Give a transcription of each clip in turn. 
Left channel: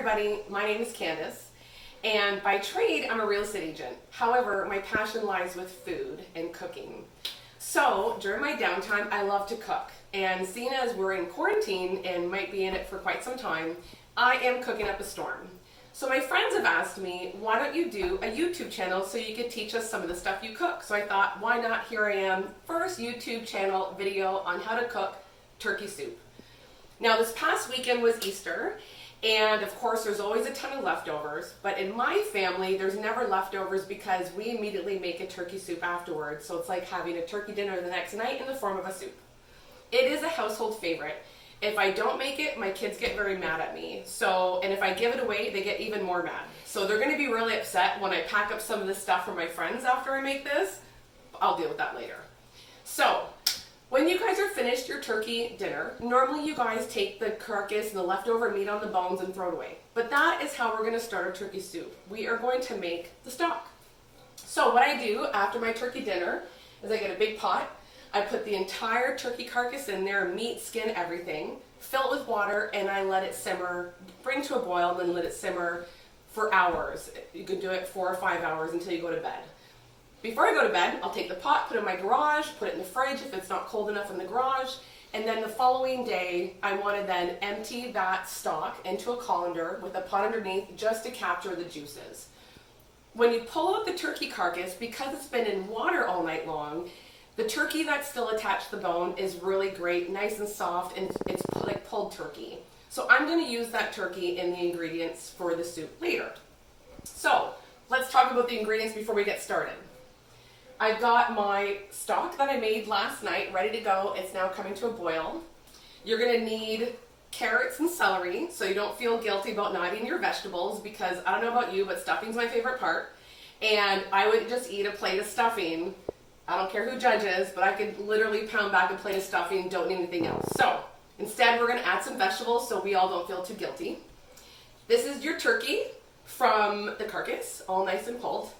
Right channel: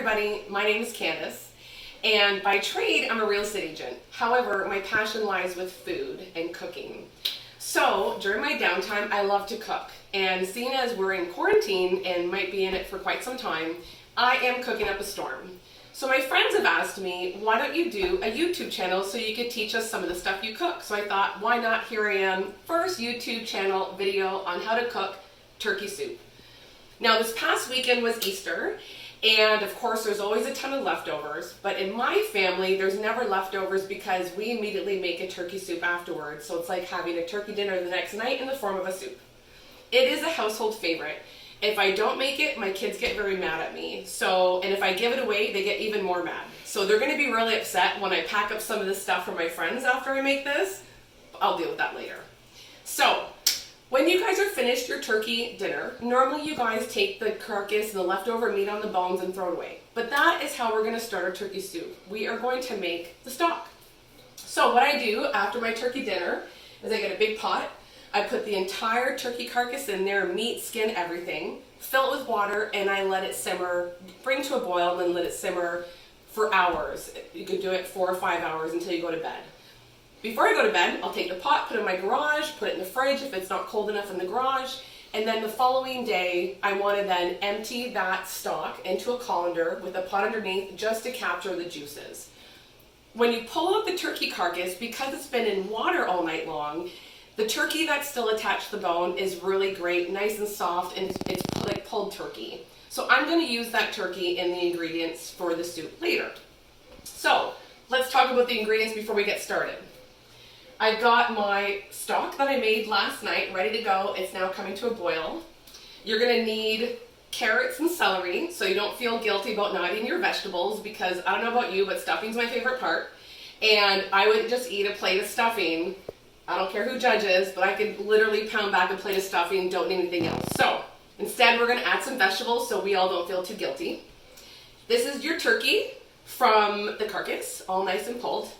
everybody, my name is Candace, and by trade I'm a real estate agent. However, my passion lies with food and cooking. So during my downtime I love to cook, and seeing as we're in quarantine and might be in it for quite some time, I am cooking up a storm. So my friends have asked me, why don't you do a YouTube channel so you could teach us some of the stuff you cook? So I thought, why not? Here I am, first YouTube channel video on how to cook turkey soup. Now this past weekend was Easter, and of course there's always a ton of leftovers, but in my family there's never leftovers because we immediately make a turkey soup afterwards. So it's like having a turkey dinner the next night in the form of a soup. It is a household favorite. If I don't make it, my kids get very mad at me. And if I give it away, they get even more mad. So they're gonna be really upset when I pack up some of this stuff for my friends after I make this. I'll deal with that later. So, when you guys are finished your turkey dinner, normally you guys take the carcass and the leftover meat on the bones and throw it away. But that is how we're gonna start our turkey soup. We are going to make the stock. So what I do after my turkey dinner is I get a big pot. I put the entire turkey carcass in there, meat, skin, everything, fill it with water, and I let it simmer, bring to a boil, and then let it simmer for hours. You can do it 4 or 5 hours until you go to bed. Before I go to bed, I'll take the pot, put it in my garage, put it in the fridge if it's not cold enough in the garage, and then the following day, I want to then empty that stock into a colander with a pot underneath just to capture the juices. When you pull out the turkey carcass, because it's been in water all night long, the turkey that's still attached to the bone is really great, nice and soft, and it's like pulled turkey. So I'm going to use that turkey in the ingredients for the soup later. So let's talk about the ingredients before we get started. I've got my stock that I made last night ready to go. It's now coming to a boil. You're going to need carrots and celery so you don't feel guilty about not eating your vegetables, because I don't know about you, but stuffing's my favorite part. And I wouldn't just eat a plate of stuffing. I don't care who judges, but I could literally pound back a plate of stuffing, don't need anything else. So instead we're going to add some vegetables so we all don't feel too guilty. This is your turkey from the carcass, all nice and pulled.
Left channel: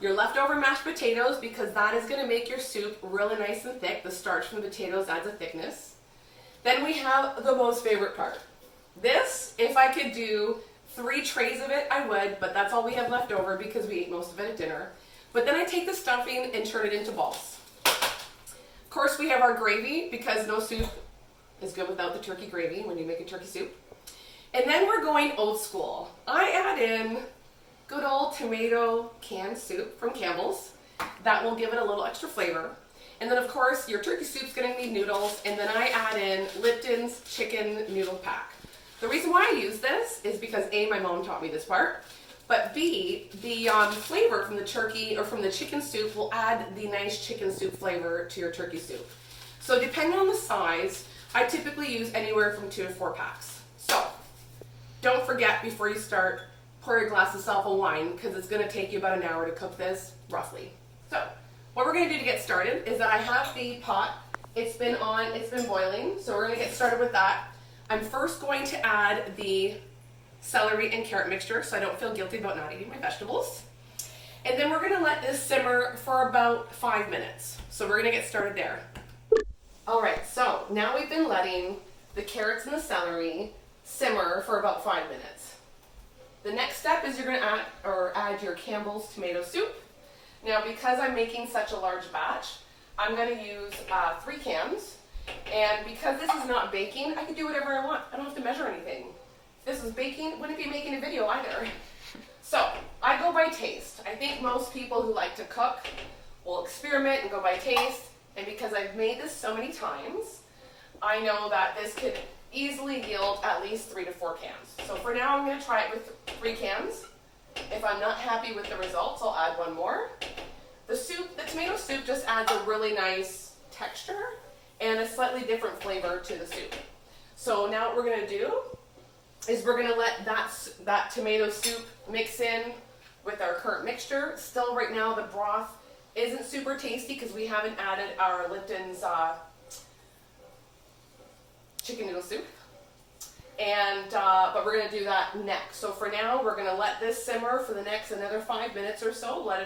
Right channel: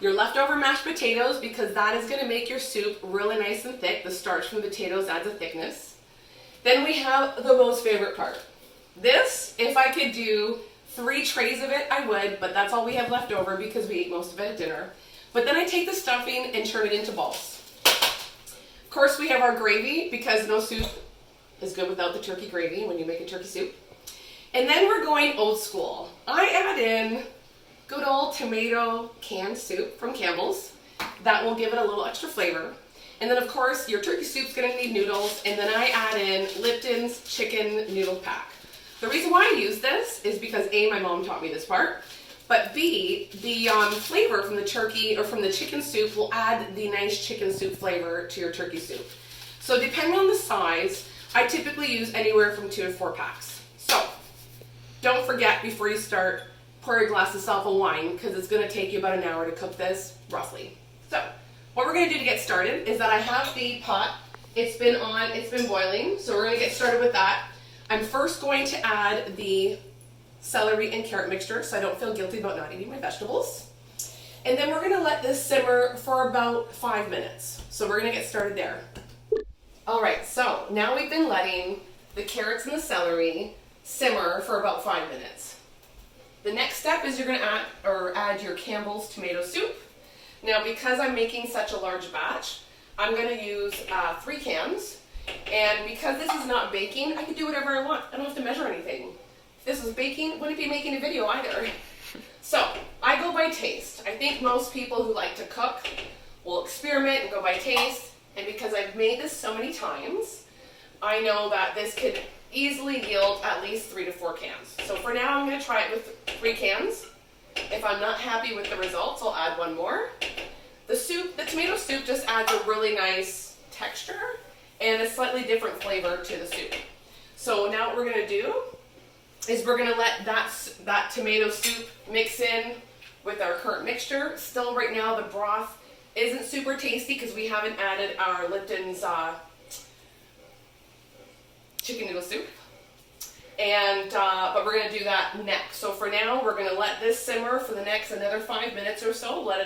Your leftover mashed potatoes, because that is going to make your soup really nice and thick. The starch from the potatoes adds a thickness. Then we have the most favorite part. This, if I could do 3 trays of it, I would, but that's all we have left over because we ate most of it at dinner. But then I take the stuffing and turn it into balls. Of course, we have our gravy, because no soup is good without the turkey gravy when you make a turkey soup. And then we're going old school. I add in good old tomato canned soup from Campbell's. That will give it a little extra flavor. And then of course your turkey soup's gonna need noodles, and then I add in Lipton's chicken noodle pack. The reason why I use this is because A, my mom taught me this part, but B, the flavor from the turkey or from the chicken soup will add the nice chicken soup flavor to your turkey soup. So depending on the size, I typically use anywhere from 2 to 4 packs. So don't forget, before you start, pour your glass of self a wine, because it's going to take you about an hour to cook this, roughly. So what we're going to do to get started is that I have the pot. It's been boiling, so we're going to get started with that. I'm first going to add the celery and carrot mixture so I don't feel guilty about not eating my vegetables. And then we're going to let this simmer for about 5 minutes. So we're going to get started there. Alright, so now we've been letting the carrots and the celery simmer for about 5 minutes. The next step is you're going to add your Campbell's tomato soup. Now because I'm making such a large batch, I'm going to use 3 cans. And because this is not baking, I can do whatever I want. I don't have to measure anything. If this was baking, wouldn't be making a video either. So I go by taste. I think most people who like to cook will experiment and go by taste. And because I've made this so many times, I know that this could easily yield at least 3 to 4 cans. So for now, I'm going to try it with 3 cans. If I'm not happy with the results, I'll add 1 more. The tomato soup just adds a really nice texture and a slightly different flavor to the soup. So now what we're going to do is we're going to let that tomato soup mix in with our current mixture. Still right now the broth isn't super tasty because we haven't added our Lipton's chicken noodle soup, but we're going to do that next. So for now we're going to let this simmer for the next another 5 minutes or so, let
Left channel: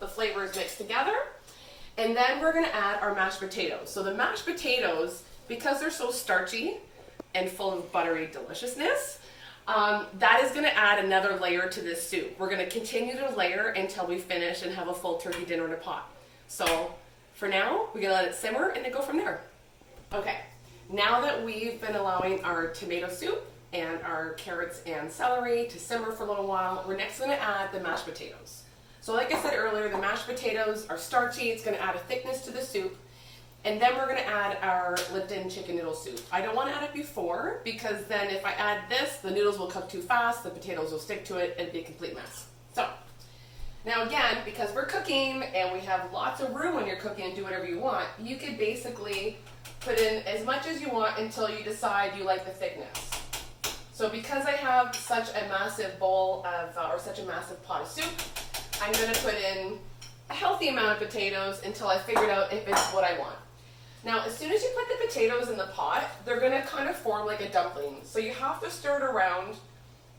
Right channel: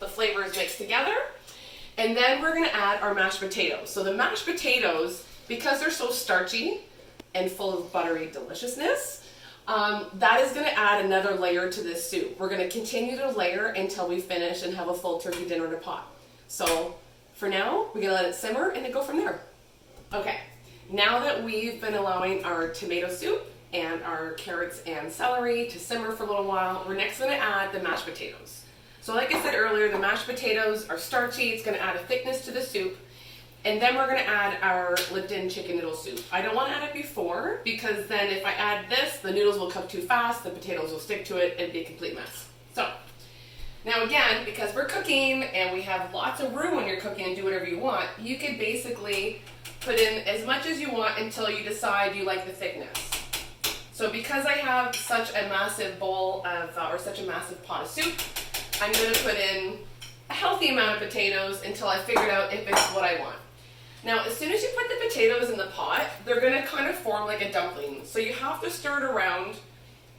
the flavors mix together, and then we're going to add our mashed potatoes. So the mashed potatoes, because they're so starchy and full of buttery deliciousness, That is going to add another layer to this soup. We're going to continue to layer until we finish and have a full turkey dinner in a pot. So for now, we're going to let it simmer and then go from there. Okay, now that we've been allowing our tomato soup and our carrots and celery to simmer for a little while, we're next going to add the mashed potatoes. So like I said earlier, the mashed potatoes are starchy. It's going to add a thickness to the soup. And then we're going to add our Lipton chicken noodle soup. I don't want to add it before because then if I add this, the noodles will cook too fast, the potatoes will stick to it, and it'd be a complete mess. So, now again, because we're cooking and we have lots of room when you're cooking and do whatever you want, you could basically put in as much as you want until you decide you like the thickness. So because I have such a massive bowl of, or such a massive pot of soup, I'm going to put in a healthy amount of potatoes until I figured out if it's what I want. Now, as soon as you put the potatoes in the pot, they're going to kind of form like a dumpling. So you have to stir it around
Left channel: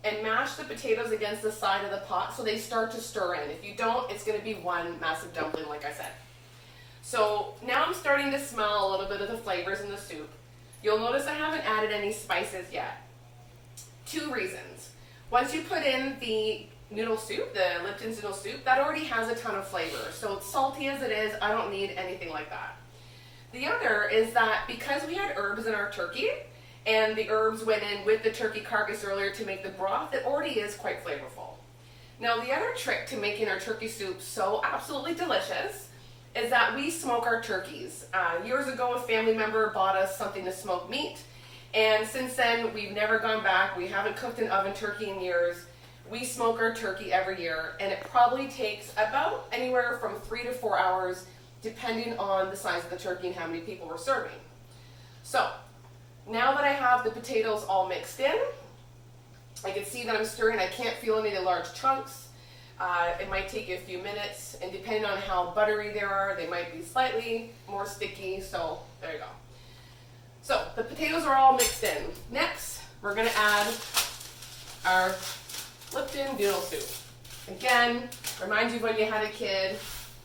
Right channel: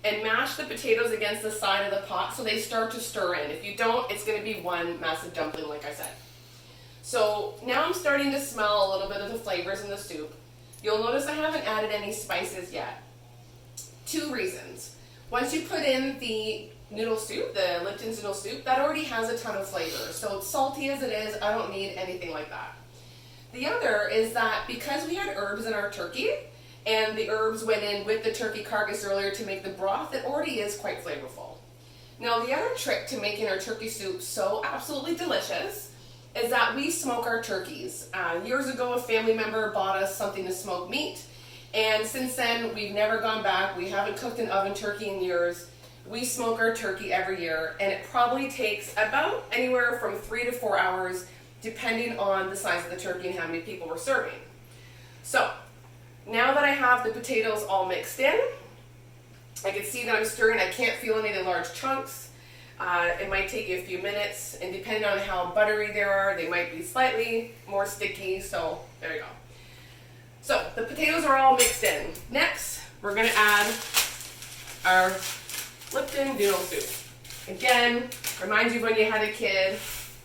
and mash the potatoes against the side of the pot so they start to stir in. If you don't, it's going to be one massive dumpling, like I said. So now I'm starting to smell a little bit of the flavors in the soup. You'll notice I haven't added any spices yet. 2 reasons. Once you put in the noodle soup, the Lipton's noodle soup, that already has a ton of flavor. So it's salty as it is, I don't need anything like that. The other is that because we had herbs in our turkey, and the herbs went in with the turkey carcass earlier to make the broth, it already is quite flavorful. Now the other trick to making our turkey soup so absolutely delicious is that we smoke our turkeys. Years ago, a family member bought us something to smoke meat, and since then we've never gone back. We haven't cooked an oven turkey in years. We smoke our turkey every year, and it probably takes about anywhere from 3 to 4 hours depending on the size of the turkey and how many people we're serving. So, now that I have the potatoes all mixed in, I can see that I'm stirring. I can't feel any of the large chunks. It might take you a few minutes, and depending on how buttery they are, they might be slightly more sticky, so there you go. So, the potatoes are all mixed in. Next, we're going to add our Lipton noodle soup. Again, reminds you of when you had a kid,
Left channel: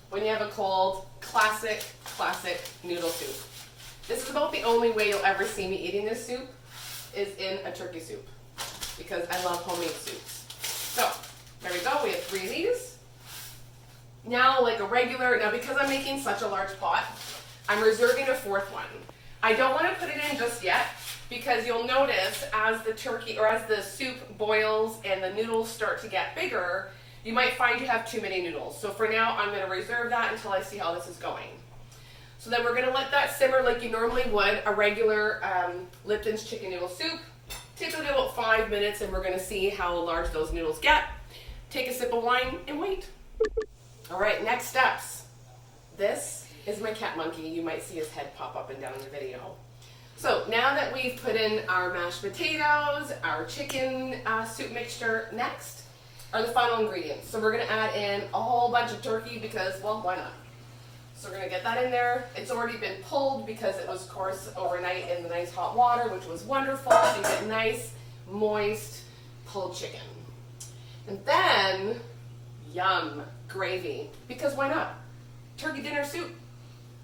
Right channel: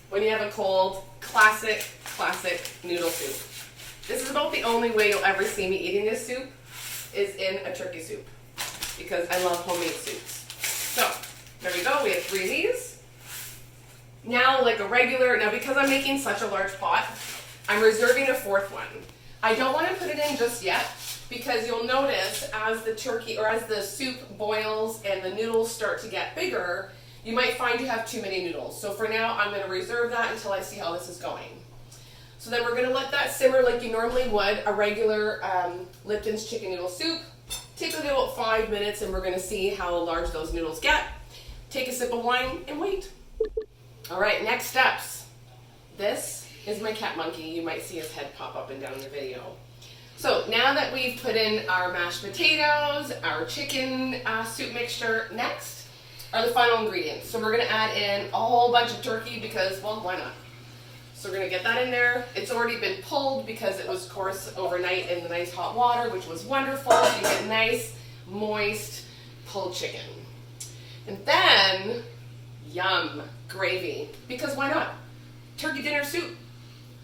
when you have a cold, classic noodle soup. This is about the only way you'll ever see me eating this soup is in a turkey soup because I love homemade soups. So, there we go. We have 3 of these. Now, because I'm making such a large pot, I'm reserving a 4th one. I don't want to put it in just yet because you'll notice as the turkey or as the soup boils and the noodles start to get bigger, you might find you have too many noodles. So for now, I'm going to reserve that until I see how this is going. So then we're going to let that simmer like you normally would a regular Lipton's chicken noodle soup. Typically about 5 minutes, and we're going to see how large those noodles get. Take a sip of wine and wait. All right, next steps. This is my cat monkey. You might see his head pop up and down in the video. So now that we've put in our mashed potatoes, our chicken soup mixture, next are the final ingredients. So we're going to add in a whole bunch of turkey because, well, why not? So we're going to get that in there. It's already been pulled because it was, of course, overnight in the nice hot water, which was wonderful. So you get nice, moist, pulled chicken. And then, yum, gravy. Because why not? Turkey dinner soup.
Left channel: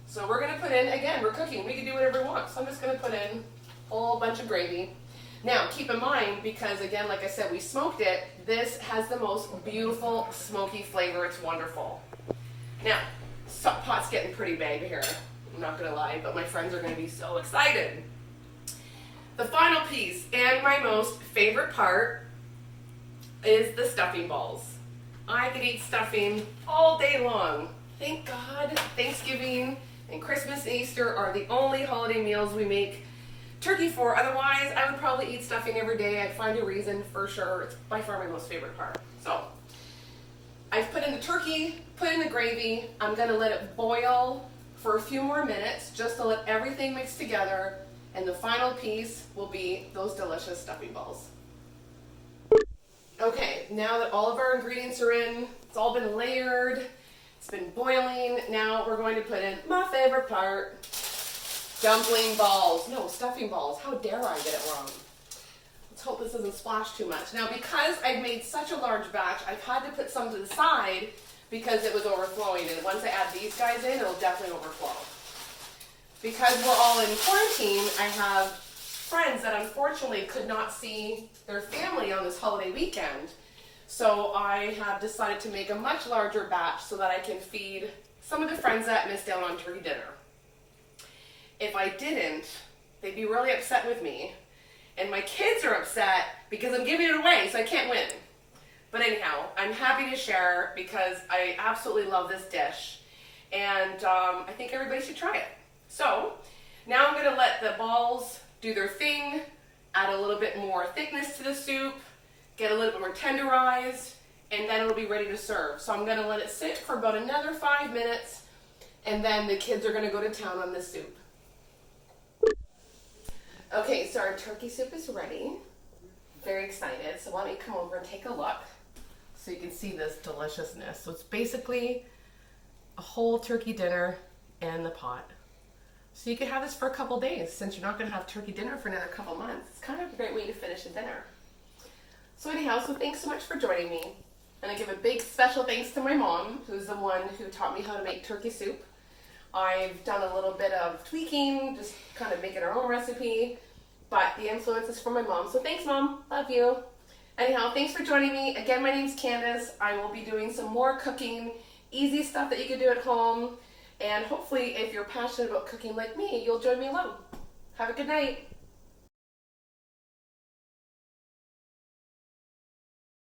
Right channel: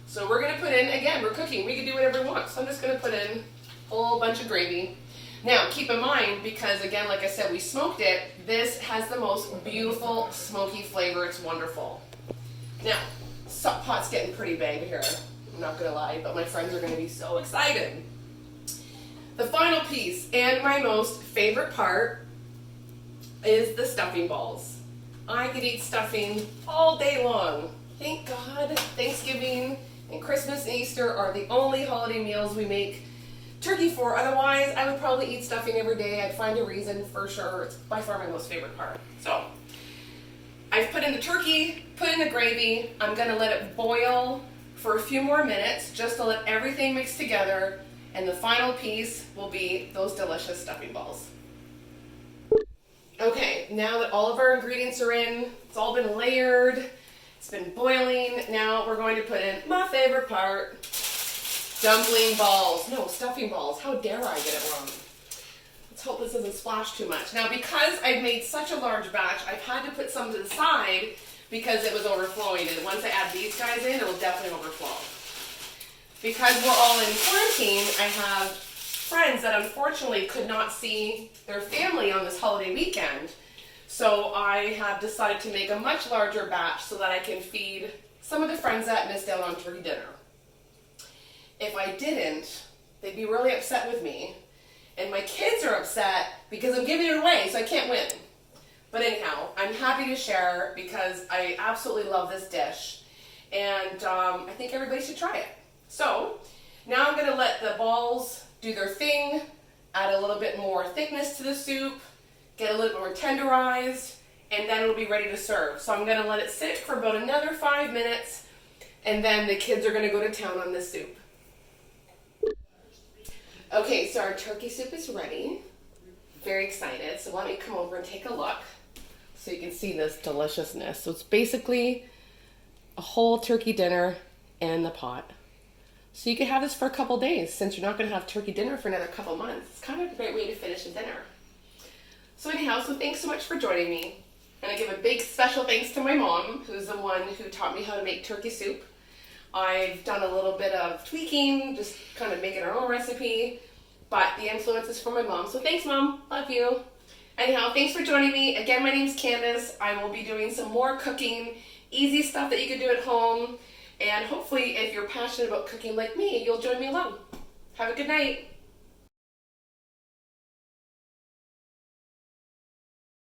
So we're going to put in, again, we're cooking. We can do whatever we want. So I'm just going to put in a whole bunch of gravy. Now, keep in mind, because again, like I said, we smoked it, this has the most beautiful smoky flavor. It's wonderful. Now, pot's getting pretty big here. I'm not going to lie, but my friends are going to be so excited. The final piece, and my most favorite part, is the stuffing balls. I could eat stuffing all day long. Thank God Thanksgiving and Christmas and Easter are the only holiday meals we make turkey for. Otherwise, I would probably eat stuffing every day. I'd find a reason for sure. It's by far my most favorite part. So, I've put in the turkey, put in the gravy. I'm going to let it boil for a few more minutes just to let everything mix together. And the final piece will be those delicious stuffing balls. Okay, now that all of our ingredients are in, it's all been layered, it's been boiling. Now we're going to put in my favorite part. Dumpling balls. No, stuffing balls. How dare I get it wrong? Let's hope this doesn't splash too much. Now, because I've made such a large batch, I've had to put some to the side because it was overflowing. And once I add these guys in, it'll definitely overflow. Because we're all in quarantine, I have friends that unfortunately could not see their family on this holiday weekend. So I have decided to make a much larger batch so that I can feed some of the friends that missed out on turkey dinner. If I didn't, they'd be really upset with me. And my kids are upset because I'm giving it away, so I can't win. But anyhow, I'm happy to share because I absolutely love this dish. And I think everybody should try it. So now I'm going to let the balls do their thing, add a little bit more thickness to the soup, get a little bit more tenderized, and then it'll be ready to serve. So I'm going to let it sit for about another 5 minutes, and then the kids are going to go to town on this soup. Okay, so our turkey soup is ready. Very excited. So let me come over and take a look so you can see this deliciousness. So it's basically a whole turkey dinner in the pot. So you can have this for a couple days since you're not going to have turkey dinner for another couple months. It's kind of a great way to finish a dinner. So anyhow, so thanks so much for joining me. And I give a big special thanks to my mom, who's the one who taught me how to make turkey soup. I've done a little bit of tweaking, just kind of making our own recipe, but the influence is from my mom. So thanks, Mom. Love you. Anyhow, thanks for joining me. Again, my name's Candace. I will be doing some more cooking, easy stuff that you can do at home. And hopefully, if you're passionate about cooking like me, you'll join me along. Have a good night.